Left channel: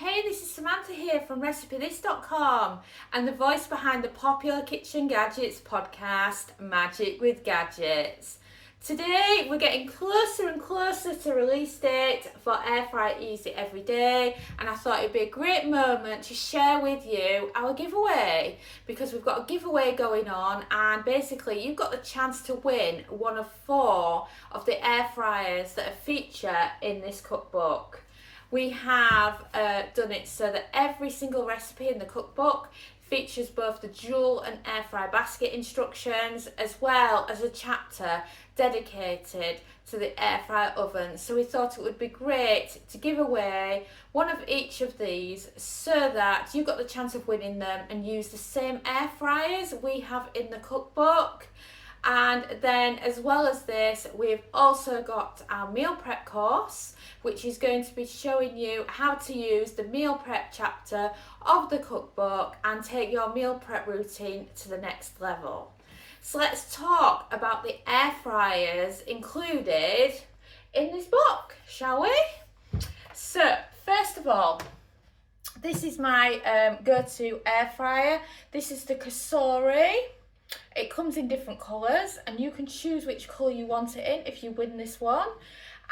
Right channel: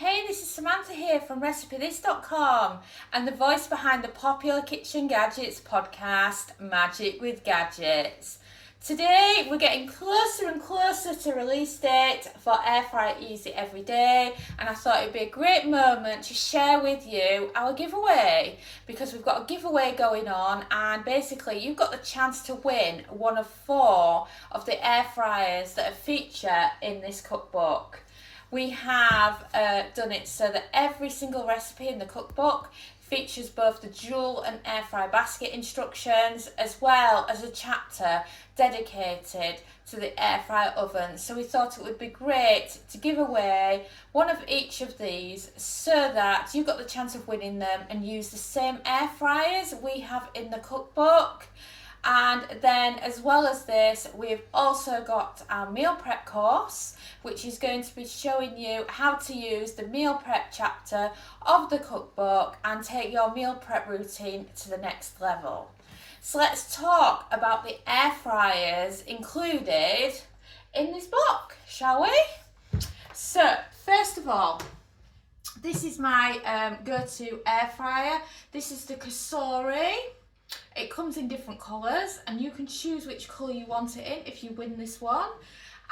Hey, this is Samantha here from RecipeThis.com and the voice behind the popular Kitchen Gadgets podcast, Magic with Gadgets. Today we're getting closer and closer to release date for Air Fry Easy Every Day, and I thought it'd be a great moment to share with you our giveaway because we've got a giveaway going on, and basically you've got the chance to win one of 4 of the air fryers that are featured in this cookbook. We have done it so that every single recipe in the cookbook features both the dual and air fry basket instructions, as well as a chapter dedicated to the air fryer oven. So we thought it would be great to give away one of each of these so that you got the chance of winning them and use the same air fryers we have in the cookbook. And then, as well as this, we've also got our meal prep course, which is going to be showing you how to use the meal prep chapter of the cookbook and take your meal prep routine to the next level. So let's talk about the air fryers included in this book, shall we? So, first of all, this is my go-to air fryer. This is the Cosori. It comes in different colours and you can choose which colour you want it in if you win this one.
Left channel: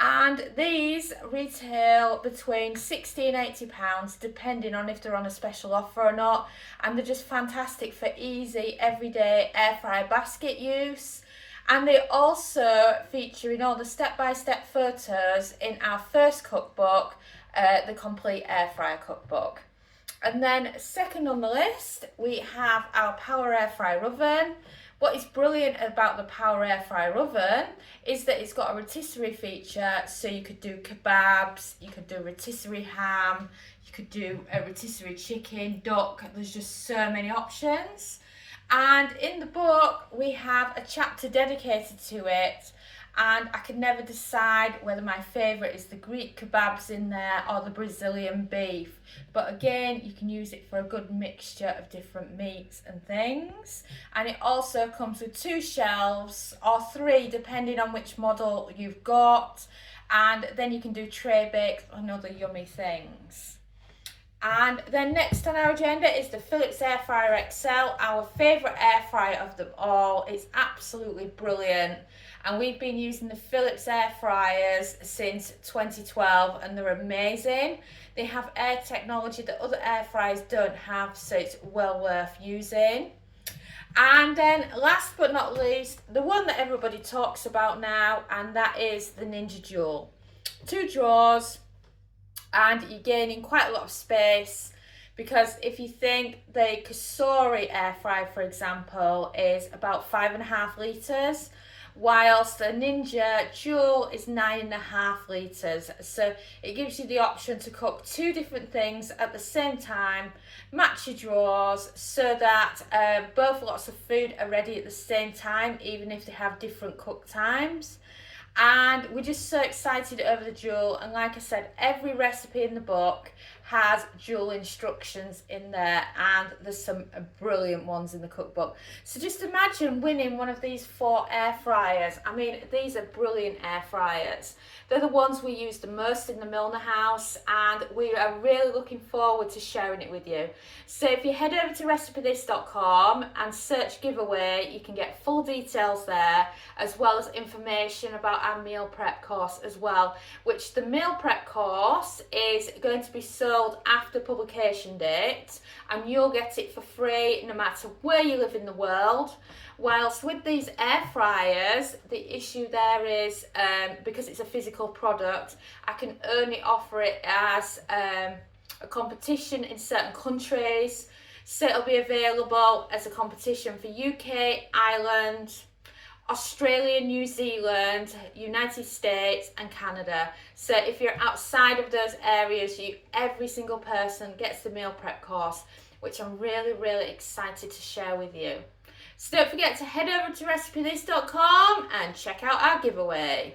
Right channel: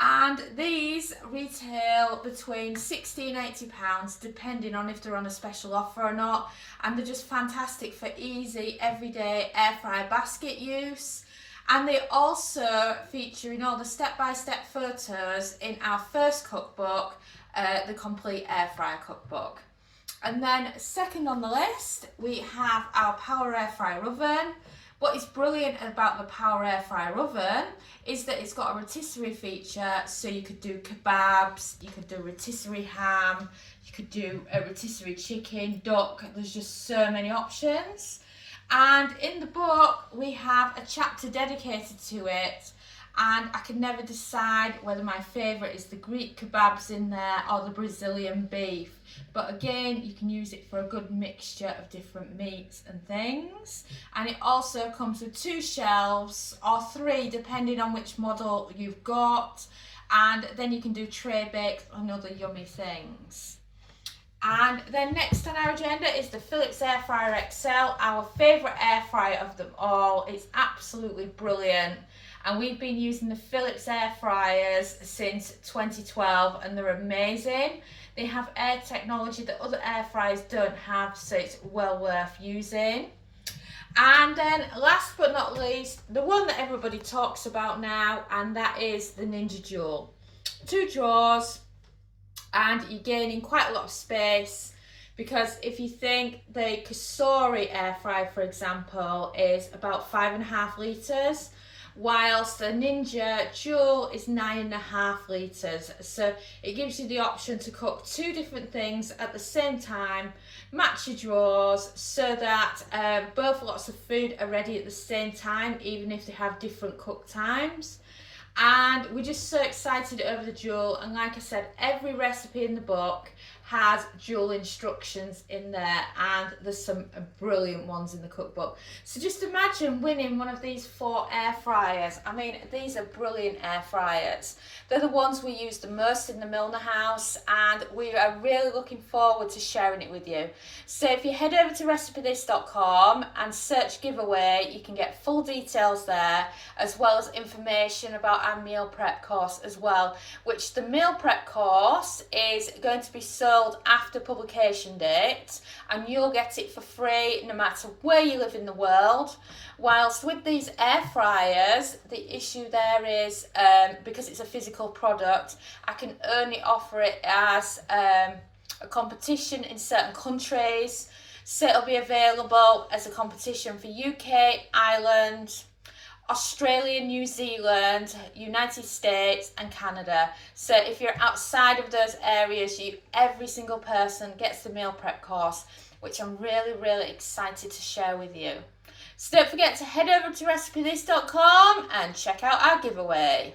And these retail between £60 and £80 depending on if they're on a special offer or not. And they're just fantastic for easy everyday air fryer basket use. And they also feature in all the step-by-step photos in our first cookbook, the complete air fryer cookbook. And then second on the list, we have our Power Air Fryer Oven. What is brilliant about the Power Air Fryer Oven is that it's got a rotisserie feature, so you could do kebabs, you could do rotisserie ham, you could do a rotisserie chicken, duck. There's just so many options. And in the book, we have a chapter dedicated to it, and I can never decide whether my favourite is the Greek kebabs in there or the Brazilian beef. But again, you can use it for a good mixture of different meats and things. And it also comes with 2 shelves, or 3 depending on which model you've got. And then you can do tray baked and other yummy things. And then next on our agenda is the Philips Air Fryer XL, our favourite air fryer of them all. It's absolutely brilliant. And we've been using the Philips air fryers since 2012 and they're amazing. They have air technology that other air fryers don't have, so it's well worth using. And then last but not least, the one that everybody talks about now, and that is the Ninja Dual. 2 drawers, and you're gaining quite a lot of space, because if you think the Cosori air fryer, for example, is about 5.5 litres, whilst the Ninja Dual is 9.5 litres. So it gives you the option to cook 2 different things at the same time, match your drawers, so that both lots of food are ready at the same time, even if they have different cook times. And we're just so excited over the Dual, and like I said, every recipe in the book has dual instructions in there, and there's some brilliant ones in the cookbook. So just imagine winning one of these 4 air fryers. I mean, these are brilliant air fryers. They're the ones we use the most in the Milner house, and we are really looking forward to sharing it with you. So if you head over to RecipeThis.com and search giveaway, you can get full details there, as well as information about our meal prep course as well, which the meal prep course is going to be sold after publication date, and you'll get it for free no matter where you live in the world. Whilst with these air fryers, the issue there is because it's a physical product, I can only offer it as a competition in certain countries. So it'll be available as a competition for UK, Ireland, Australia, New Zealand, United States and Canada. So if you're outside of those areas, every single person gets the meal prep course, which I'm really, really excited to share with you. So don't forget to head over to RecipeThis.com and check out our giveaway.